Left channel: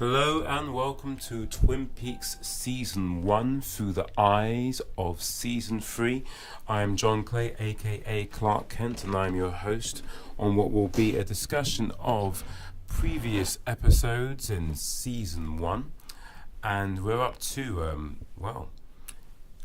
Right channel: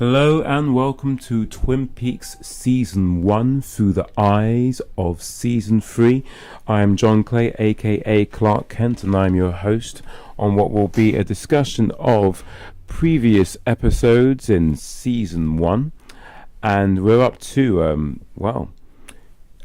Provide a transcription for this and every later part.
Hello and welcome to Twin Peaks Season 1 through the eyes of Season 3. I am John Clay, a.k.a. Clark Kent, and I'm your host on what will be a discussion of previous episodes in Season 1. And we're up to,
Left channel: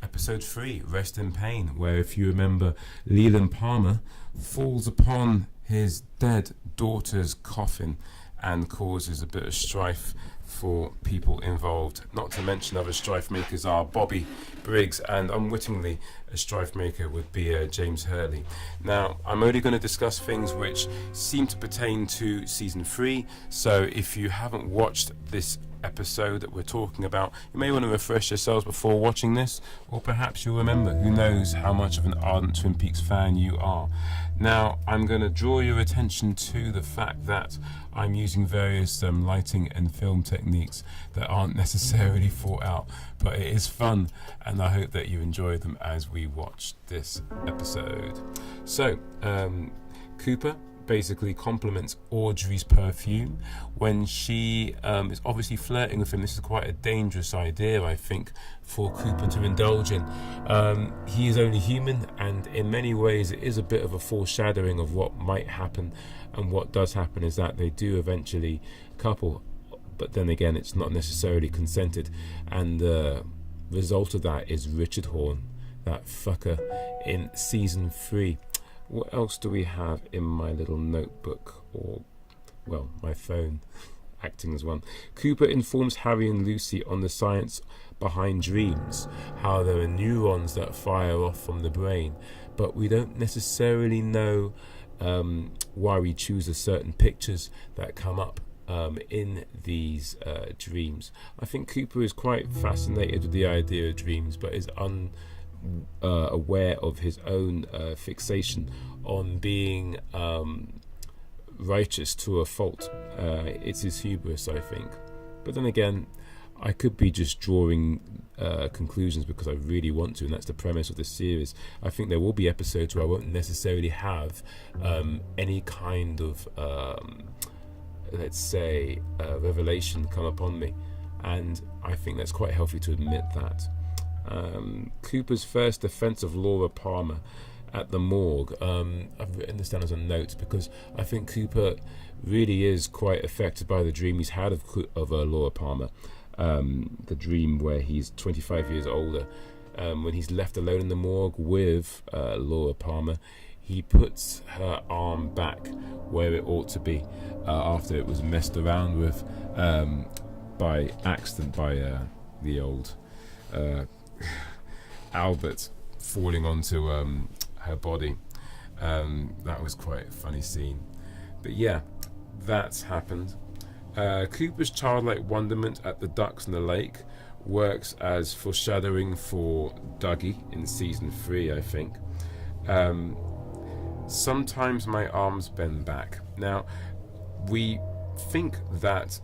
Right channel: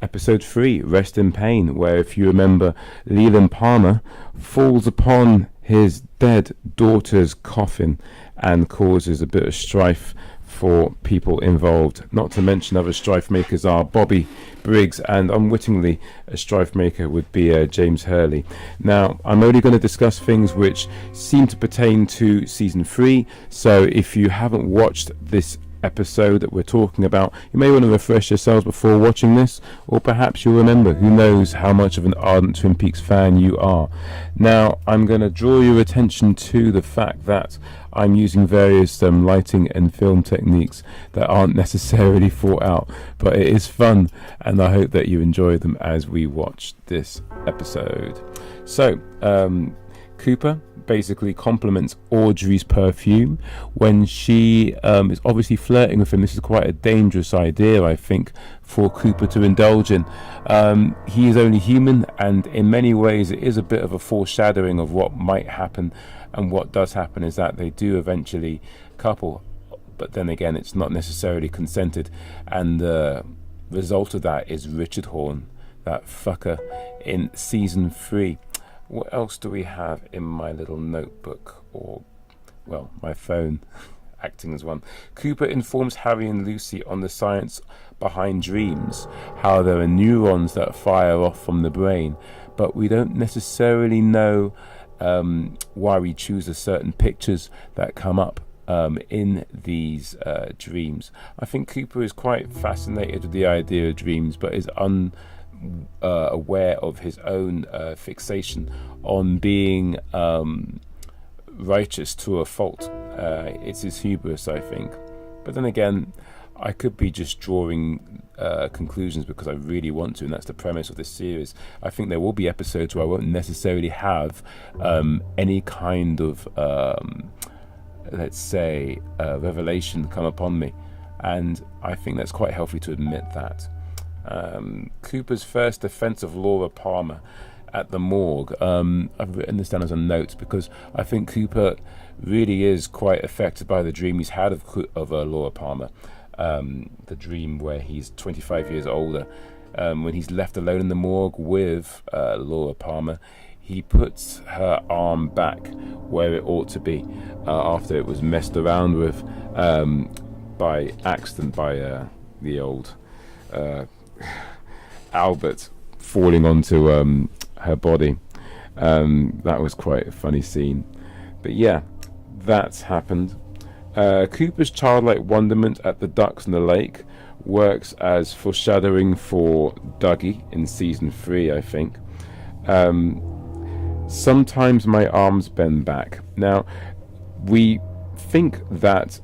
Episode 3, Rest in Pain, where, if you remember, Leland Palmer falls upon his dead daughter's coffin and causes a bit of strife for people involved. Not to mention other strife makers are Bobby Briggs, and unwittingly a strife maker would be James Hurley. Now, I'm only going to discuss things which seem to pertain to Season 3, so if you haven't watched this episode that we're talking about, you may want to refresh yourselves before watching this, or perhaps you'll remember. Who knows how much of an ardent Twin Peaks fan you are. Now, I'm going to draw your attention to the fact that I'm using various lighting and film techniques that aren't necessarily thought out, but it is fun, and I hope that you enjoy them as we watch this episode. So, Cooper basically compliments Audrey's perfume when she is obviously flirting with him. This is quite a dangerous idea, I think, for Cooper to indulge in. He is only human, and in many ways it is a bit of a foreshadowing of what might happen. And what does happen is that they do eventually couple, but then again it's not necessarily consented, and the result of that is Richard Horne, that fucker, in Season 3. What else do we have in my little notebook, or, well, my phone acting as one? Cooper informs Harry and Lucy on the science behind dreams, how there are neurons that fire off from the brain, but we don't necessarily know why we choose certain pictures that come up in these dreams. I think Cooper is quite fascinated with the idea of dreams, but is aware of his own fixation on being righteous to a fault. It's his hubris, I think. But then again, I could be just drawing conclusions because I really want to, and that's the premise of this series. I think there will be episodes where I won't necessarily have any kind of, let's say, revelation come upon me, and I think that's quite healthy to admit that. Cooper's first defense of Laura Palmer at the morgue. I've written this down as a note because I think Cooper really is quite affected by the dream he's had of Laura Palmer. The dream where he's 25 years older, when he's left alone in the morgue with Laura Palmer. He puts her arm back where it ought to be after it was messed around with by accident by the old Albert falling onto her body. That was quite a funny scene, but yeah, that's happened. Cooper's childlike wonderment at the ducks in the lake works as foreshadowing for Dougie in Season 3, I think. Sometimes my arms bend back. Now, we think that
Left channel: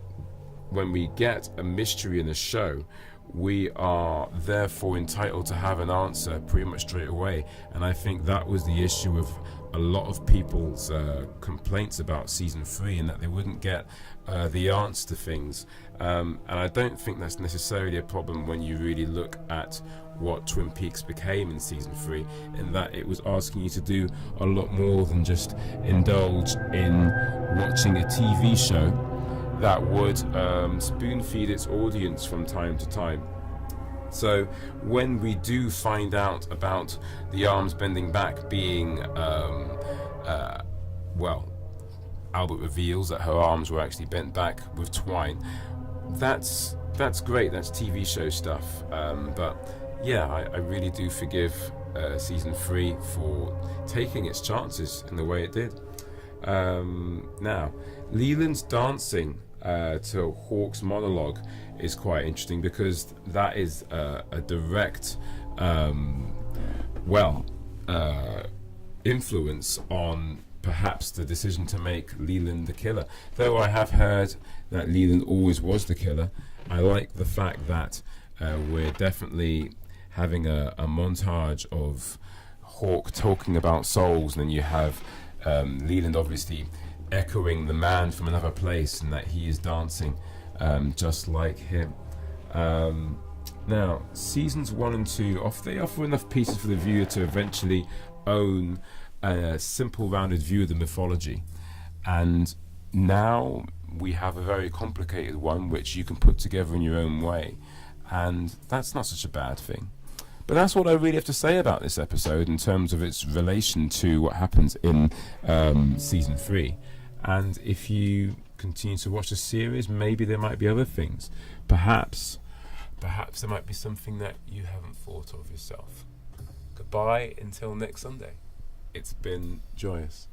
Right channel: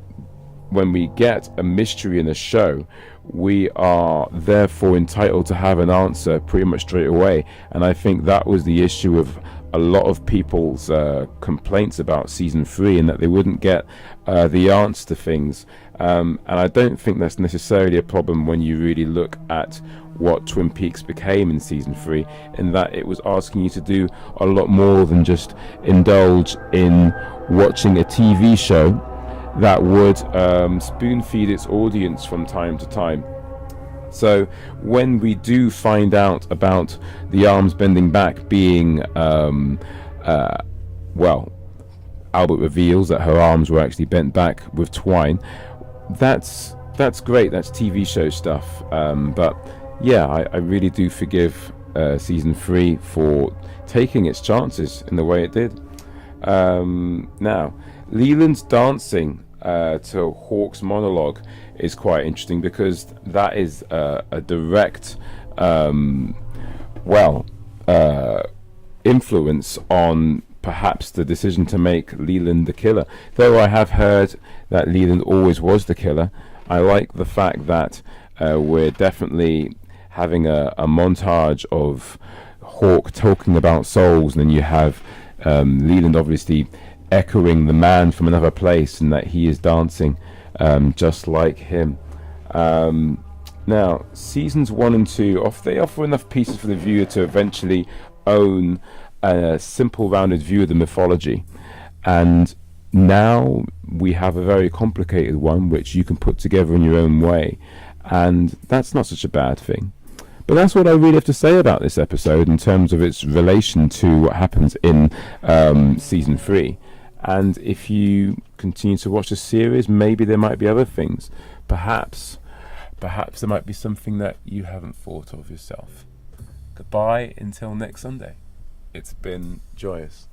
when we get a mystery in a show, we are therefore entitled to have an answer pretty much straight away, and I think that was the issue of a lot of people's complaints about Season 3, and that they wouldn't get the answer to things, and I don't think that's necessarily a problem when you really look at what Twin Peaks became in Season 3, in that it was asking you to do a lot more than just indulge in watching a TV show that would spoon feed its audience from time to time. So when we do find out about the arms bending back being Albert reveals that her arms were actually bent back with twine. That's great. That's TV show stuff. But yeah, I really do forgive Season 3 for taking its chances in the way it did. Now, Leland's dancing to Hawk's monologue is quite interesting because that is a direct influence on perhaps the decision to make Leland the killer. Though I have heard that Leland always was the killer, I like the fact that we're definitely having a montage of Hawk talking about souls, and then you have Leland obviously echoing the man from another place, and that he is dancing just like him. Now, seasons 1 and 2, they offer enough pieces for the viewer to eventually own a simple, rounded view of the mythology. And now we have a very complicated one, which you can put together in your own way. And that's not such a bad thing. But that's what I really have to say about this episode in terms of its relation to what happens in season 3. And if you continue to watch the series, maybe there might be other things. Perhaps there might be something that you haven't thought of yourself. Goodbye until next Sunday. It's been joyous.